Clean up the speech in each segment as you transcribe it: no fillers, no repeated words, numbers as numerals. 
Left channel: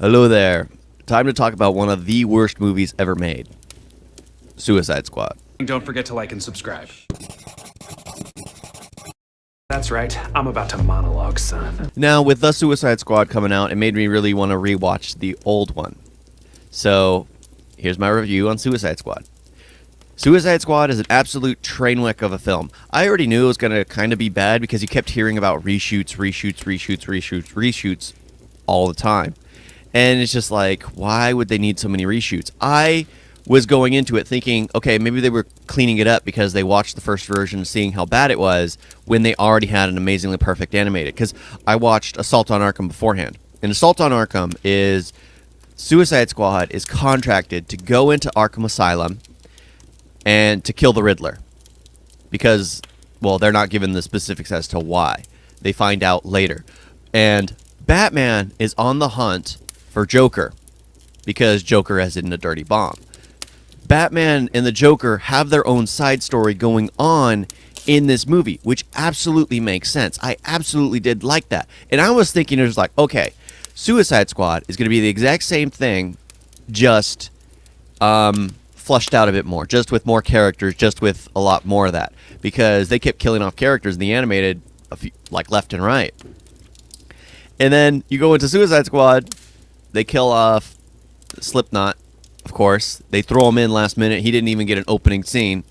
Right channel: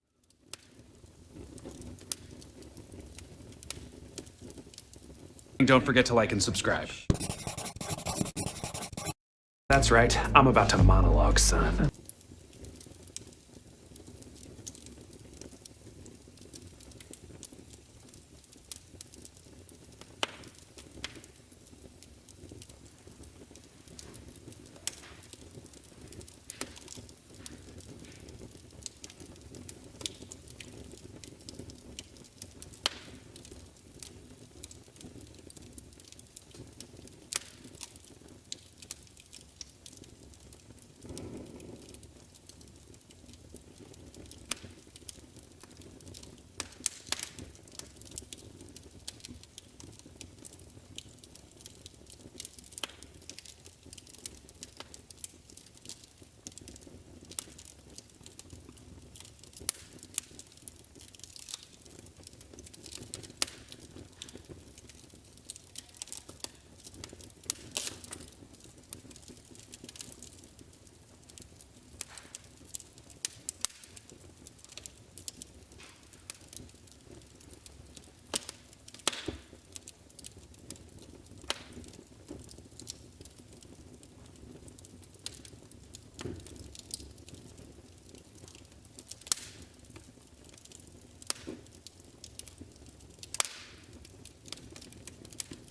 Hello there. Time to talk about one of the worst movies ever made. Suicide Squad. Don't forget to like and subscribe. That's right, I'm about to monologue, son. Now, with The Suicide Squad coming out, it made me really want to rewatch the old one. So, here's my review on Suicide Squad. Suicide Squad is an absolute train wreck of a film. I already knew it was going to kind of be bad because you kept hearing about reshoots all the time. And it's just like, why would they need so many reshoots? I was going into it thinking, okay, maybe they were cleaning it up because they watched the first version, seeing how bad it was when they already had an amazingly perfect animated. Because I watched Assault on Arkham beforehand. And Assault on Arkham is Suicide Squad is contracted to go into Arkham Asylum and to kill the Riddler. Because, well, they're not given the specifics as to why. They find out later. And Batman is on the hunt for Joker because Joker has hidden a dirty bomb. Batman and the Joker have their own side story going on in this movie, which absolutely makes sense. I absolutely did like that. And I was thinking, it was like, okay, Suicide Squad is going to be the exact same thing, just flushed out a bit more, just with more characters, just with a lot more of that. Because they kept killing off characters in the animated, like left and right. And then you go into Suicide Squad, they kill off Slipknot. Of course, they throw him in last minute. He didn't even get an opening scene.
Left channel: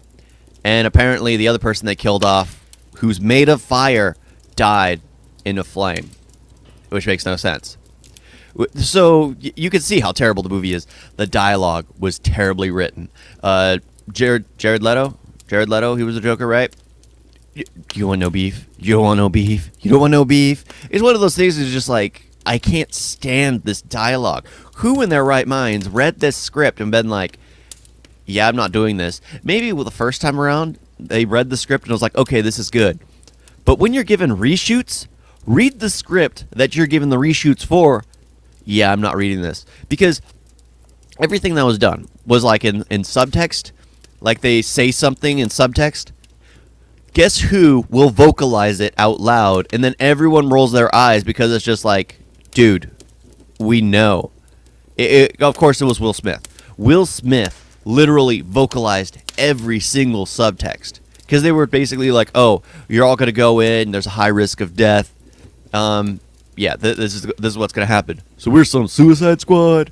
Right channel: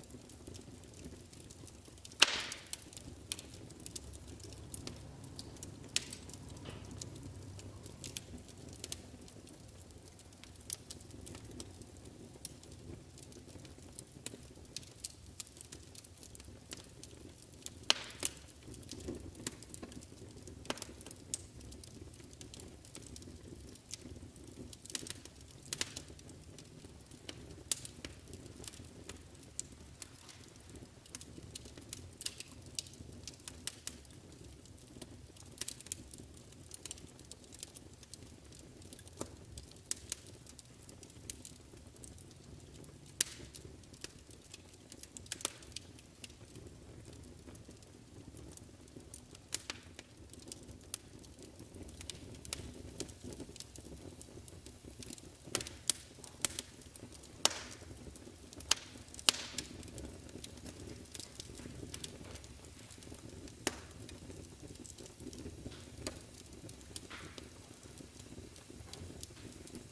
And apparently the other person they killed off, who's made of fire, died in a flame. Which makes no sense. So you can see how terrible the movie is. The dialogue was terribly written. Jared Leto? Jared Leto, he was the Joker, right? You want no beef? You don't want no beef? You don't want no beef? It's one of those things that's just like, I can't stand this dialogue. Who in their right minds read this script and been like, yeah, I'm not doing this. Maybe the first time around, they read the script and was like, okay, this is good. But when you're given reshoots, read the script that you're given the reshoots for. Yeah, I'm not reading this. Because everything that was done was like in subtext. Like they say something in subtext. Guess who will vocalize it out loud? And then everyone rolls their eyes because it's just like, dude, we know. Of course, it was Will Smith. Will Smith literally vocalized every single subtext. Because they were basically like, oh, you're all going to go in. There's a high risk of death. Yeah, this is what's going to happen. So we're some Suicide Squad.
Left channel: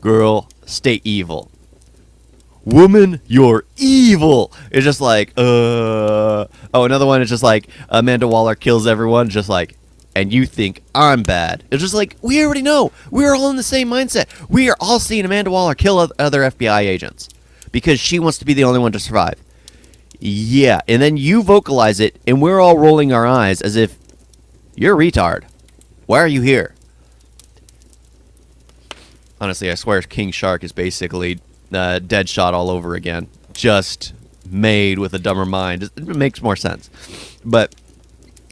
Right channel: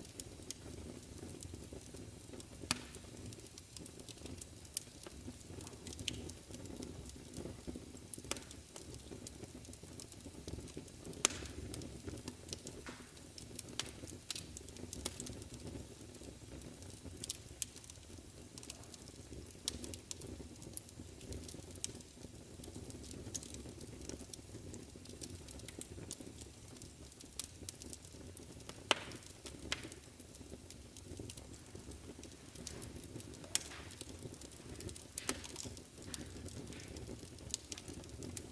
Girl, stay evil. Woman, you're evil. It's just like, oh, another one is just like, Amanda Waller kills everyone, just like, and you think I'm bad. It's just like, we already know. We're all in the same mindset. We are all seeing Amanda Waller kill other FBI agents because she wants to be the only one to survive. Yeah, and then you vocalize it, and we're all rolling our eyes as if you're a retard. Why are you here? Honestly, I swear King Shark is basically Deadshot all over again. Just made with a dumber mind. It makes more sense. But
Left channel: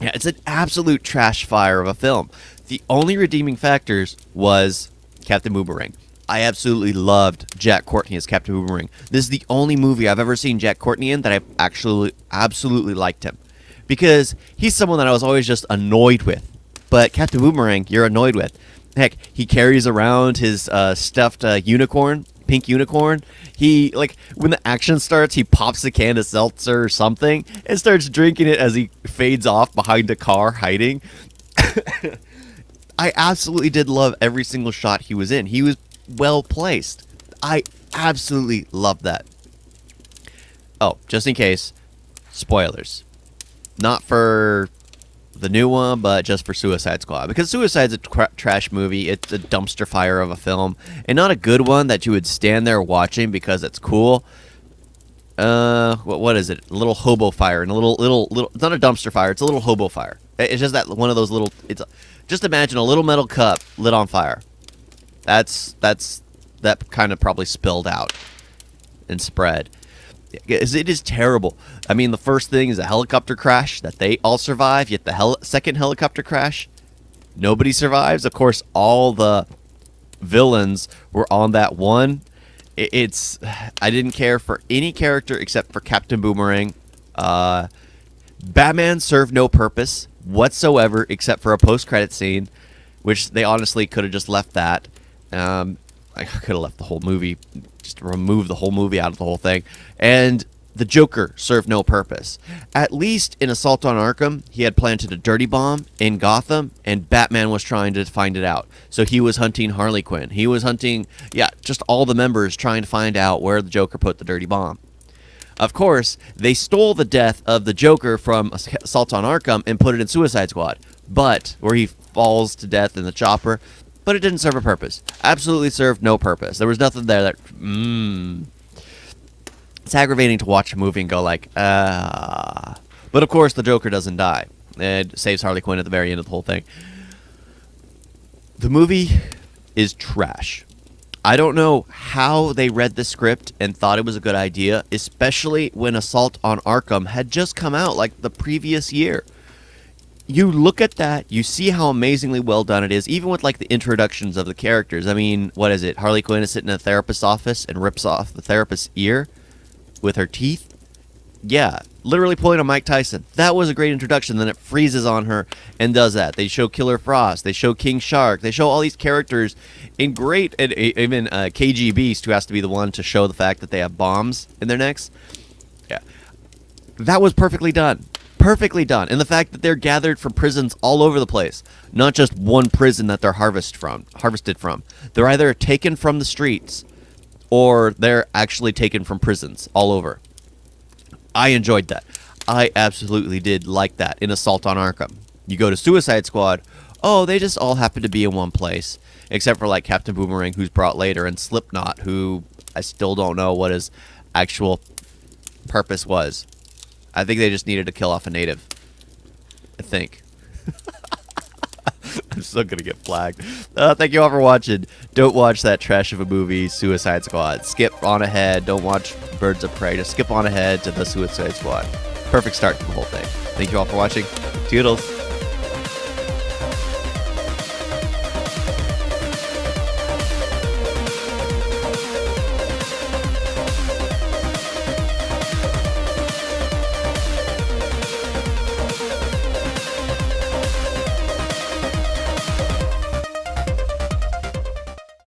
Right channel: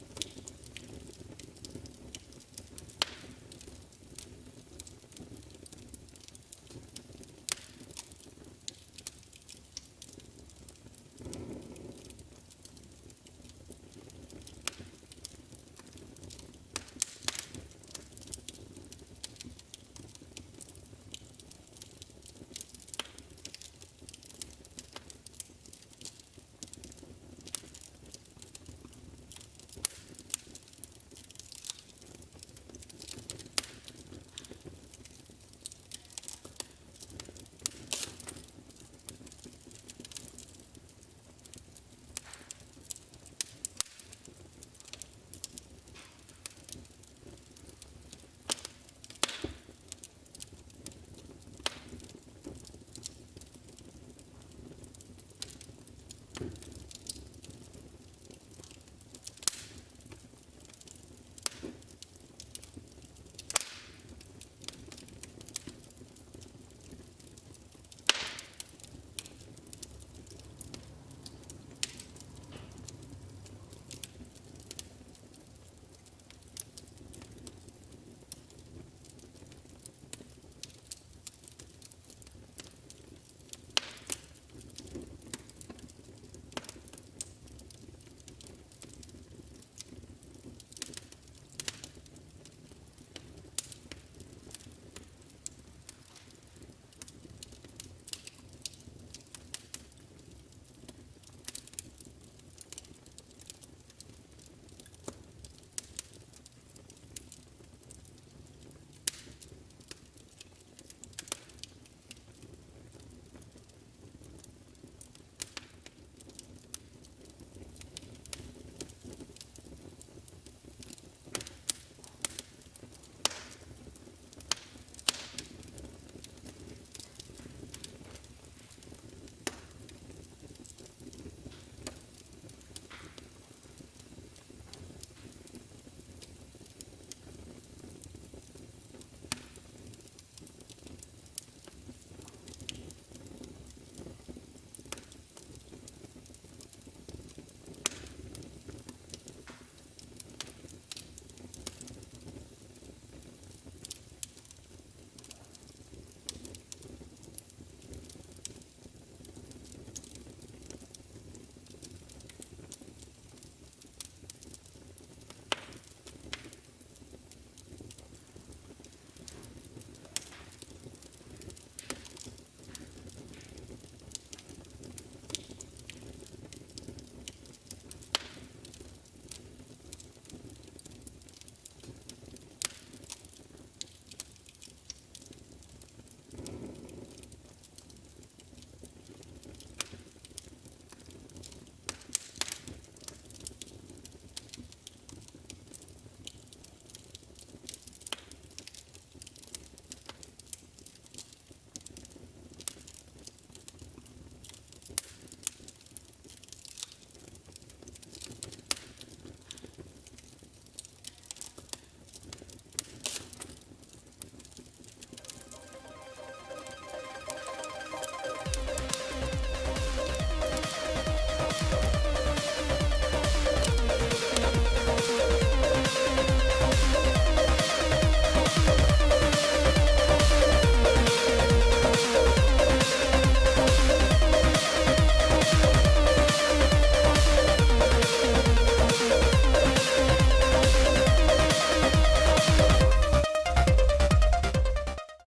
yeah, it's an absolute trash fire of a film. The only redeeming factors was Captain Boomerang. I absolutely loved Jack Courtney as Captain Boomerang. This is the only movie I've ever seen Jack Courtney in that I've actually absolutely liked him. Because he's someone that I was always just annoyed with. But Captain Boomerang, you're annoyed with. Heck, he carries around his stuffed unicorn, pink unicorn. He, like, when the action starts, he pops a can of seltzer or something and starts drinking it as he fades off behind a car hiding. I absolutely did love every single shot he was in. He was well placed. I absolutely loved that. Oh, just in case, spoilers. Not for the new one, but just for Suicide Squad. Because Suicide's a trash movie. It's a dumpster fire of a film. And not a good one that you would stand there watching because it's cool. What is it? A little hobo fire. And a little, it's not a dumpster fire. It's a little hobo fire. It's just that one of those little, just imagine a little metal cup lit on fire. That kind of probably spilled out and spread. It is terrible. I mean, the first thing is a helicopter crash that they all survive, yet the second helicopter crash, nobody survives. Of course, all the villains were on that one. I didn't care for any character except for Captain Boomerang. Batman served no purpose whatsoever except for a post-credit scene. which they honestly could have just left that. I could have left the whole movie, just removed the whole movie out of the whole thing. And the Joker served no purpose. At least in Assault on Arkham, he had planted a dirty bomb in Gotham, and Batman was trying to find it out. So he was hunting Harley Quinn. He was hunting, just all the members trying to find out where the Joker put the dirty bomb. Of course, they stole the death of the Joker from Assault on Arkham and put it in Suicide Squad, where he falls to death in the chopper, but it didn't serve a purpose. Absolutely served no purpose. There was nothing there that, It's aggravating to watch a movie and go like, But of course, the Joker doesn't die. It saves Harley Quinn at the very end of the whole thing. The movie is trash. I don't know how they read the script and thought it was a good idea, especially when Assault on Arkham had just come out like the previous year. You look at that, you see how amazingly well done it is, even with like the introductions of the characters. I mean, what is it? Harley Quinn is sitting in a therapist's office and rips off the therapist's ear with her teeth. Yeah, literally pulling a Mike Tyson. That was a great introduction. Then it freezes on her and does that. They show Killer Frost. They show King Shark. They show all these characters in great, and even KG Beast, who has to be the one to show the fact that they have bombs in their necks. Yeah, that was perfectly done. Perfectly done. And the fact that they're gathered from prisons all over the place. Not just one prison that they're harvested from. They're either taken from the streets or they're actually taken from prisons all over. I enjoyed that. I absolutely did like that in Assault on Arkham. You go to Suicide Squad, they just all happen to be in one place. Except for like Captain Boomerang, who's brought later, and Slipknot, who I still don't know what his actual purpose was. I think they just needed to kill off a native. I think. I'm still going to get flagged. Thank you all for watching. Don't watch that trash of a movie, Suicide Squad. Skip on ahead. Don't watch Birds of Prey. Just skip on ahead to the Suicide Squad. Perfect start to the whole thing. Thank you all for watching. Toodles.